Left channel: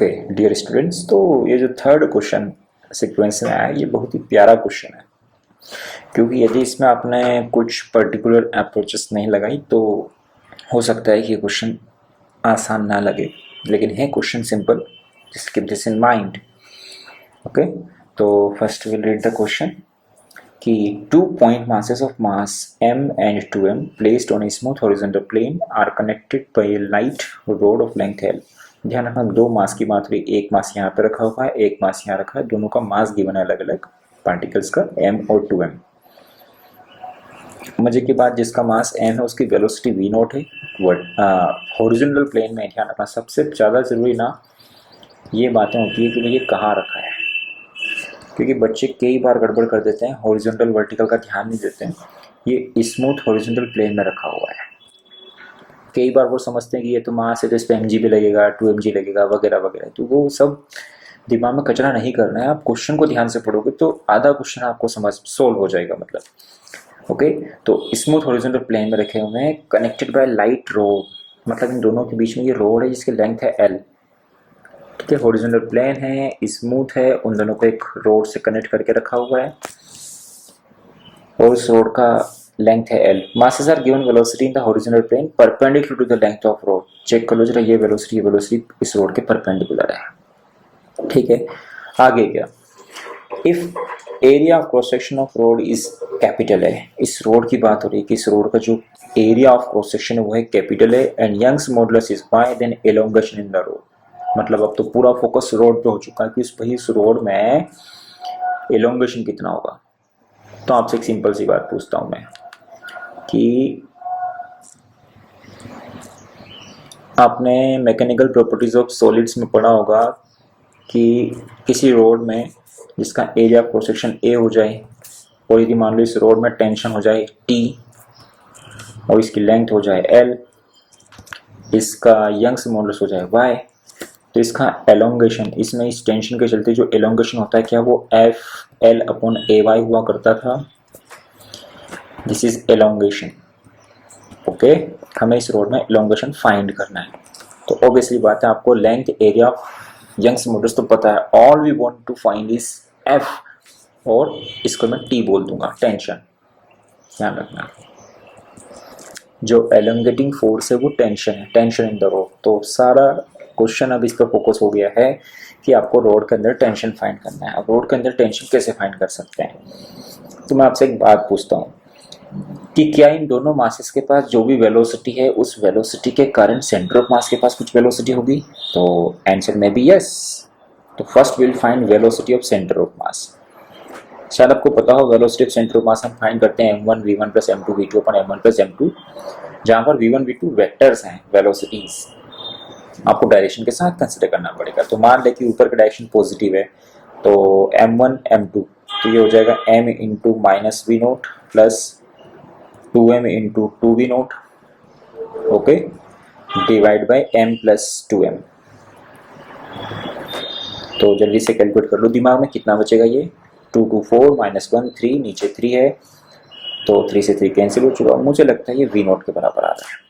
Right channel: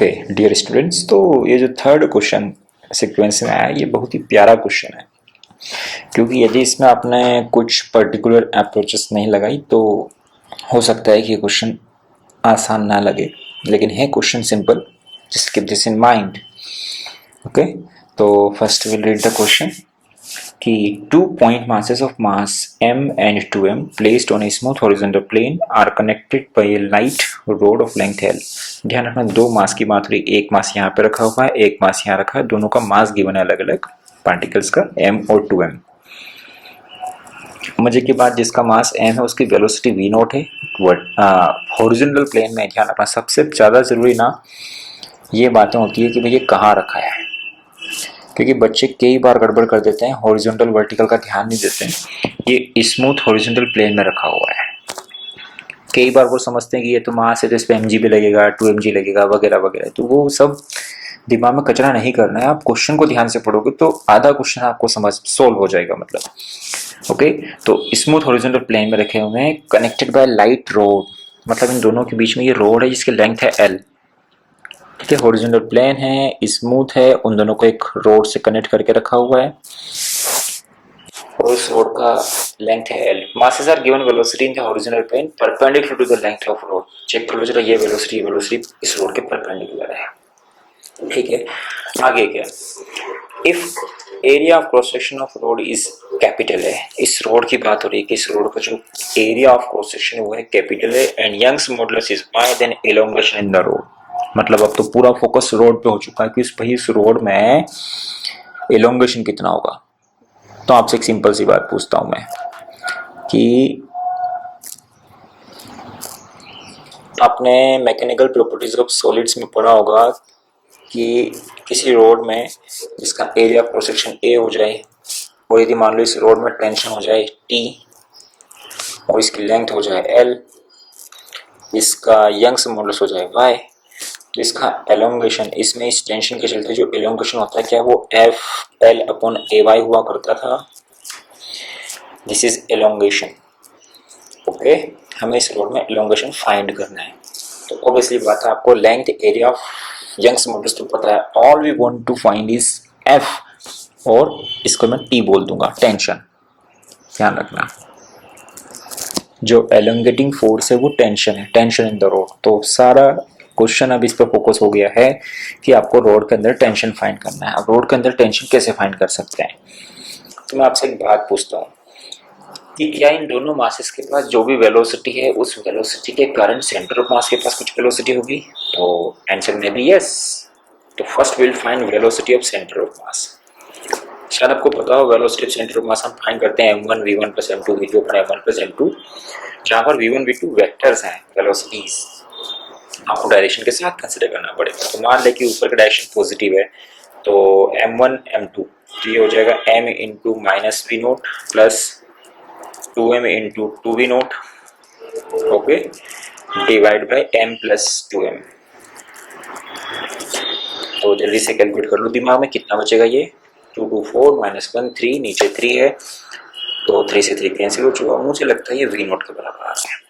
Okay dear students, तो ये जो थर्ड क्वेश्चन सीक्वेंस में आया ये बहुत ही प्यारा क्वेश्चन है, क्योंकि यदि इसमें आपने कुछ पर्टिकुलर अप्रोचेस नहीं लगाई तो हो सकता है कि ये क्वेश्चन आसान ना लगे, लेकिन है question simple. Just keep this in mind. Okay, तो first will read the question कि 2 point masses of mass m and 2m placed on a smooth horizontal plane are connected by a light rod of length l। ध्यान रखना, दो मास की बात हो रही, एक मास यहाँ पे रखा हुआ है, एक मास यहाँ रखा है, दोनों का मास गिवन है अलग अलग पार्टिकल्स का m और 2m। मजे की बात, जिसका मास m है उसकी वेलोसिटी v नॉट है। हॉरिजॉन्टल प्लेन में ध्यान रखना सबसे ज्यादा जरूरी ना ये बातें होती है कि भाई ये कहाँ रखा है, क्योंकि बच्चे कई बार गड़बड़ कर देते हैं, हॉरिजॉन्टल वर्टिकल का ध्यान नहीं देते हैं। ये स्मूथ हॉरिजॉन्टल प्लेन में रखा हुआ है। कई बार वो समझते हैं कि ये तो मास है तो इस पे mg भी लगेगा, 2mg लगेगा वगैरह वगैरह, तो वो सब दिमाग में कचरा नहीं करना है। आप क्वेश्चन को ध्यान से पढ़ोगे तो आधा क्वेश्चन आपको समझ सोल्व हो जाएगा मतलब। ओके, तो स्मूथ हॉरिजॉन्टल प्लेन में रखे हुए हैं, कनेक्टेड बाय लाइट रोड, मतलब इन दोनों के बीच में ये रोड है जिसकी लेंथ है l। ठीक है, हॉरिजॉन्टल प्लेन है, स्मूथ है, उन दोनों को एक रोड से कनेक्ट करके रखा हुआ है और उस रोड का लेंथ है l। masses are given velocity in the horizontal plane perpendicular to the length of road। Check कर लो जरा, ये वेलोसिटी इस रोड के परपेंडिकुलर है। ठीक है, आगे क्या, if area of cross section of road is capital है, इस रोड की बात हो रही है कि इस रोड का जो एरिया ऑफ क्रॉस सेक्शन है वो है कैपिटल है, and Young's modulus is Y then elongation in the rod. मतलब अब तो पूरा फोकस रोड पे हो चुका है कि इस रोड में एलोंगेशन कितना होगा। तो आपसे एक सिंपल सी बात पूछता हूं मैं कि आपने मैकेनिकल प्रॉपर्टीज ऑफ सॉलिड्स में पढ़ा होगा कि किसी रोड में जिसका एरिया क्रॉस सेक्शन ए हो जाए और यदि मान लो इस रोड में टेंशन हो जाए टी और इसकी लेंथ हो जाए एल, इसका यंग्स मॉडुलस हो जाए वाई, तो इसका एलोंगेशन, इसमें इस टेंशन के चलते जो एलोंगेशन होता है क्या वो एफ एल अपॉन ए वाई हुआ करता था। This is elongation. ओके, हमें इस रोड में एलोंगेशन फाइंड करना है, तो ऑब्वियसली बात है आपको length area of Young's modulus तो पता है, all we want to find is F और इसको मैं टी बोल दूंगा, टेंशन। ध्यान रखना, जो एलोंगेटिंग फोर्स है वो टेंशन है, टेंशन इन द रोड। तो सारा क्वेश्चन अब इस पर फोकस हो गया है कि आपको रोड के अंदर टेंशन फाइंड करना है। अब रोड के अंदर टेंशन कैसे फाइंड कर सकते हैं, तो मैं आपसे एक बात पूछता हूँ कि क्या इन दोनों मासेस के पास जो भी वेलोसिटी है उस वेलोसिटी के कारण सेंटर ऑफ मास के पास कुछ वेलोसिटी होगी? तो आंसर में भी यस। तो first will find velocity of centre of मास। शायद आपको पता हो वेलोसिटी ऑफ सेंटर ऑफ मास हम फाइंड करते हैं m1 v1 plus m2 v2 upon m1 plus m2, जहां पर v1 v2 वेक्टर्स हैं वेलोसिटीज, आपको डायरेक्शन के साथ कंसिडर करना पड़ेगा। तो मान लें कि ऊपर का डायरेक्शन पॉजिटिव है तो m1 m2, तो ये हो जाएगा m into minus V naught plus 2m into 2v naught, okay, divide by m plus 2m। तो जल्दी से कैलकुलेट कर लो दिमाग में, कितना बचेगा ये 2 2 4 माइनस 1 3, नीचे 3 है तो 3 से 3 कैंसिल हो चुका। मुझे लगता है ये v नोट के बराबर आ रहा है।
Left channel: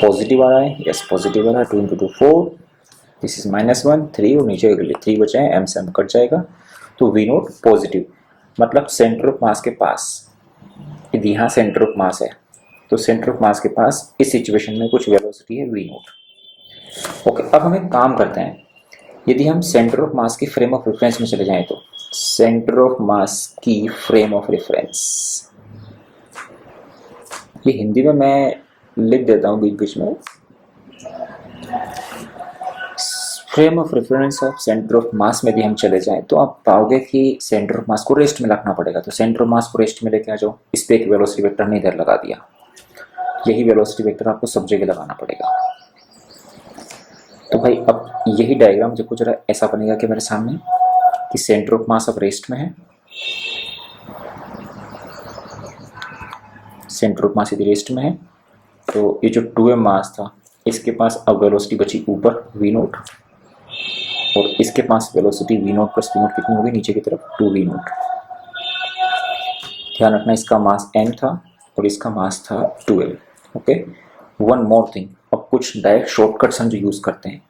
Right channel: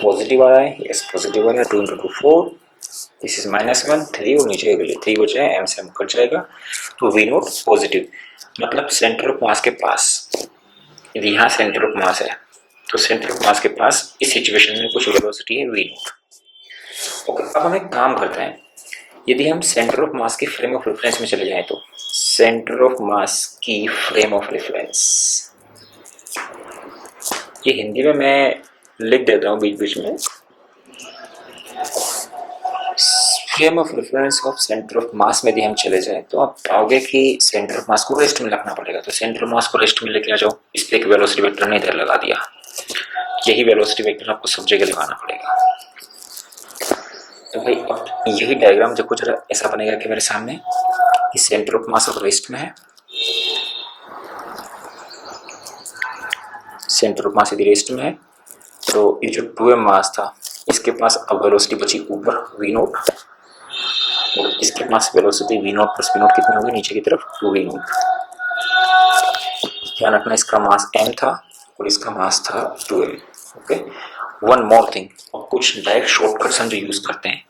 पॉजिटिव आ रहा है, यस पॉजिटिव आ रहा है। 2 इंटू 2 4, दिस इज माइनस 1 3 और नीचे 3 बचा है, m से m कट जाएगा तो v नोट पॉजिटिव, मतलब सेंटर ऑफ मास के पास, यदि यहाँ सेंटर ऑफ मास है तो सेंटर ऑफ मास के पास इस सिचुएशन में कुछ वेलोसिटी है v नोट। ओके, अब हम एक काम करते हैं, यदि हम सेंटर ऑफ मास की फ्रेम ऑफ रेफरेंस में चले जाएं तो सेंटर ऑफ मास की फ्रेम ऑफ रेफरेंस, ये हिंदी में मैं लिख देता हूं बीच बीच में, frame of reference of centre of मास में यदि हम चले जाएं तो आप पाओगे कि सेंटर ऑफ मास को रेस्ट में रखना पड़ेगा। तो सेंटर ऑफ मास को रेस्ट में लेके आ जाओ, इस पे एक वेलोसिटी वेक्टर ने इधर लगा दिया, यही वेलोसिटी वेक्टर आपको सब जगह लगाना पड़ेगा। तो भाई अब यही डायग्राम देखो जरा, ऐसा बनेगा कि मेरे सामने कि सेंटर ऑफ मास अब रेस्ट में है, सेंटर ऑफ मास यदि रेस्ट में है तो ये जो 2m मास था इसके पास अब वेलोसिटी बची ऊपर v नोट, और इसके पास velocity v naught plus v naught कितनी होगी नीचे की तरफ 2v नोट। ध्यान रखना इसका मास m था और इसका मास था 2m। Okay, one more thing, अब कुछ डायरेक्ट शॉर्टकट्स हम जो यूज करते हैं,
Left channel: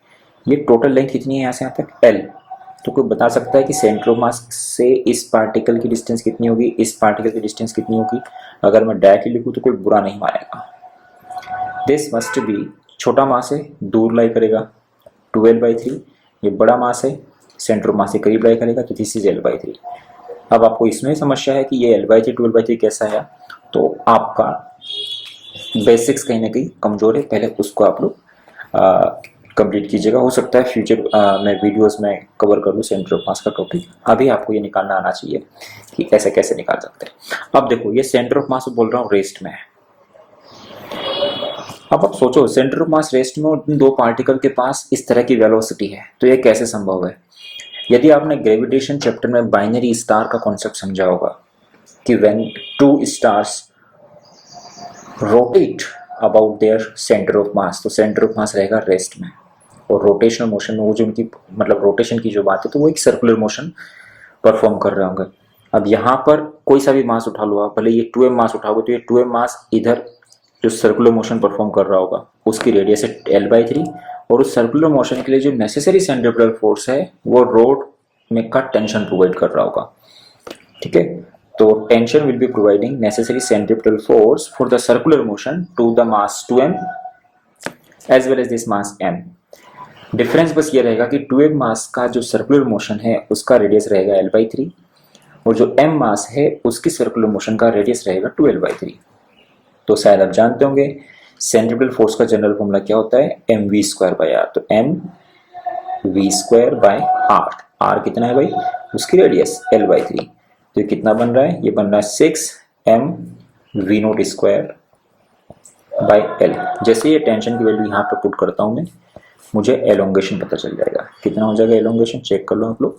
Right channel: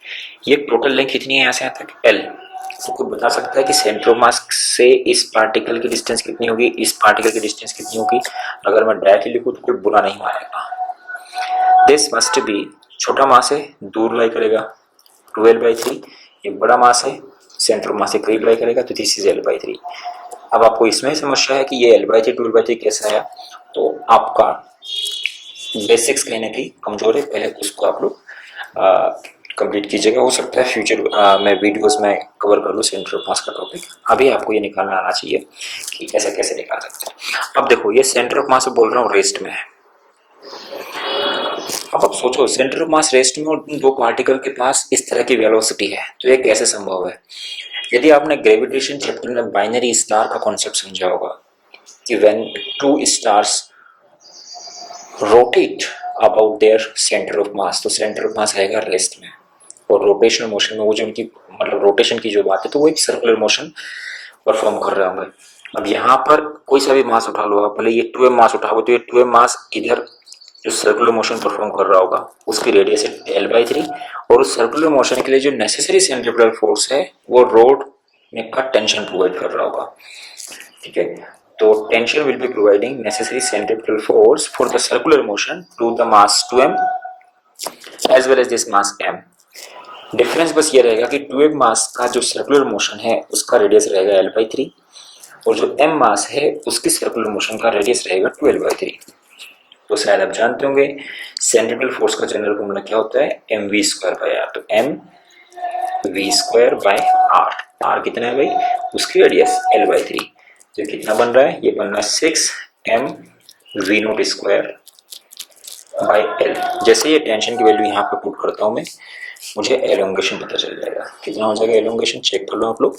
ये टोटल लेंथ कितनी है यहाँ से यहाँ तक एल, तो कोई बता सकता है कि सेंटर ऑफ मास से इस पार्टिकल की डिस्टेंस कितनी होगी, इस पार्टिकल की डिस्टेंस कितनी होगी। अगर मैं डायरेक्टली लिखूँ तो कोई बुरा नहीं मानेगा। दिस मस्ट बी, छोटा मास है दूर लाई करेगा 12/3, ये बड़ा मास है सेंटर ऑफ मास से करीब लाई करेगा, तो दिस इज L/3। अब आपको इसमें समस्या है कि ये L/3 12/3 कैसा है, तो आपका बेसिक्स कहीं ना कहीं कमजोर है, पहले उसको आप लोग कंप्लीट कीजिएगा। हो सकता है फ्यूचर में वीडियोस में कवर कर लूँ सेंटर ऑफ मास का टॉपिक। अभी आपको ये निकालना आना चाहिए कि ऐसा कैसे निकाल सकते हैं। अब देखो ये सेंटर ऑफ मास बोल रहा हूँ रेस्ट में है। अब आप सोचो सेंटर ऑफ मास रेस्ट में और उन दो पार्टिकल के पास इस तरह की वेलोसिटी है, तो ये कैसे संभव है। यदि आपने ग्रेविटेशन चैप्टर में बाइनरी स्टार का कॉन्सेप्ट समझा होगा कि when two stars rotate about their centre of mass, तो सेंटर ऑफ मास रहेगा रेस्ट में, और रोटेशनल मोशन में वो जो उनकी मतलब रोटेशन की जो बात है, तो वो एक सर्कुलर मोशन परफॉर्म कर रहे होंगे। अब यहाँ पर कोई सा भी मास उठा लो आप, भले ये 2m मास उठाओगे, तो ये 2m मास इधर जो सर्कुलर मोशन परफॉर्म कर रहा होगा उसकी रेडियस है L/3, और उस सर्कुलर मोशन के लिए जो नेसेसरी सेंट्रीपिटल फोर्स है वो रोड में का टेंशन प्रोवाइड कर रहा होगा। ठीक है, तो tension will be providing necessary centripetal force for the circular motion to the mass 2m as well as this mass m। Difference बस ये रहेगा कि 2m मास का जो सर्कुलर मोशन है उसका रेडियस रहेगा L/3, और जो m मास है उसकी सर्कुलर मोशन का रेडियस रहेगा 2L/3। तो शायद आप जानते होंगे सेंट्रीपिटल फोर्स का जनरल फॉर्मूला क्या होता है, mv²/r। तो mv²/r, r कितना है भाई, उसकी रेडियस L/3। तो ये कितना बन रहा है, ये बन रहा है 6mv0²/L। जैसे ये टेंशन की वैल्यू यहाँ पे पुट करता हूँ मैं, मुझे एलोंगेशन पता चल जाएगा। कितना हो जाएगा एलोंगेशन, चेक कर लो आप लोग।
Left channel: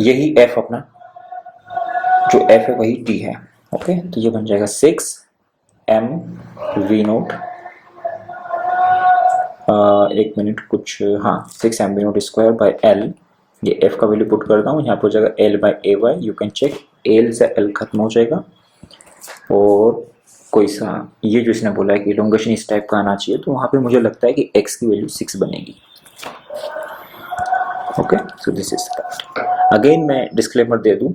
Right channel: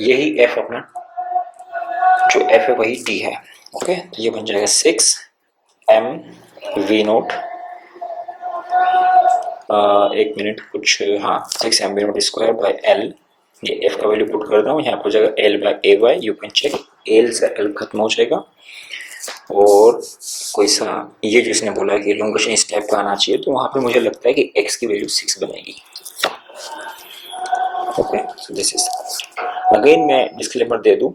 यही f अपना जो f है वही t है। ओके, तो ये बन जाएगा 6mv0, एक मिनट कुछ, हाँ 6mv0²/L। ये f का वैल्यू पुट करता हूँ, यहाँ पर हो जाएगा L/AY। You can check, L से L खत्म हो जाएगा, और कोई सा ये जो इसने बोला है कि एलोंगेशन इस टाइप का आना चाहिए, तो वहाँ पे मुझे लगता है कि x की वैल्यू 6 बनेगी। Okay, so this is again मैं डिस्क्लेमर दे दूं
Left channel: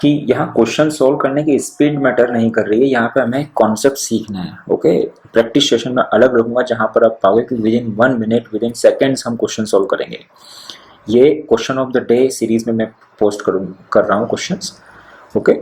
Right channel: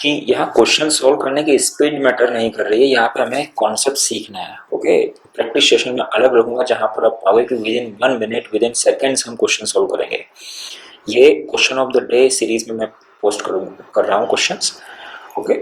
कि यहाँ क्वेश्चन सॉल्व करने की स्पीड मैटर नहीं कर रही है, यहाँ पे हमें कॉन्सेप्ट सीखना है। ओके, प्रैक्टिस सेशन में अलग रखूंगा जहाँ पर आप पाओगे कि with in 1 minute, with in seconds हम क्वेश्चन सॉल्व करेंगे। ये question of the day series में मैं पोस्ट कर रहा हूँ क्वेश्चंस। ओके,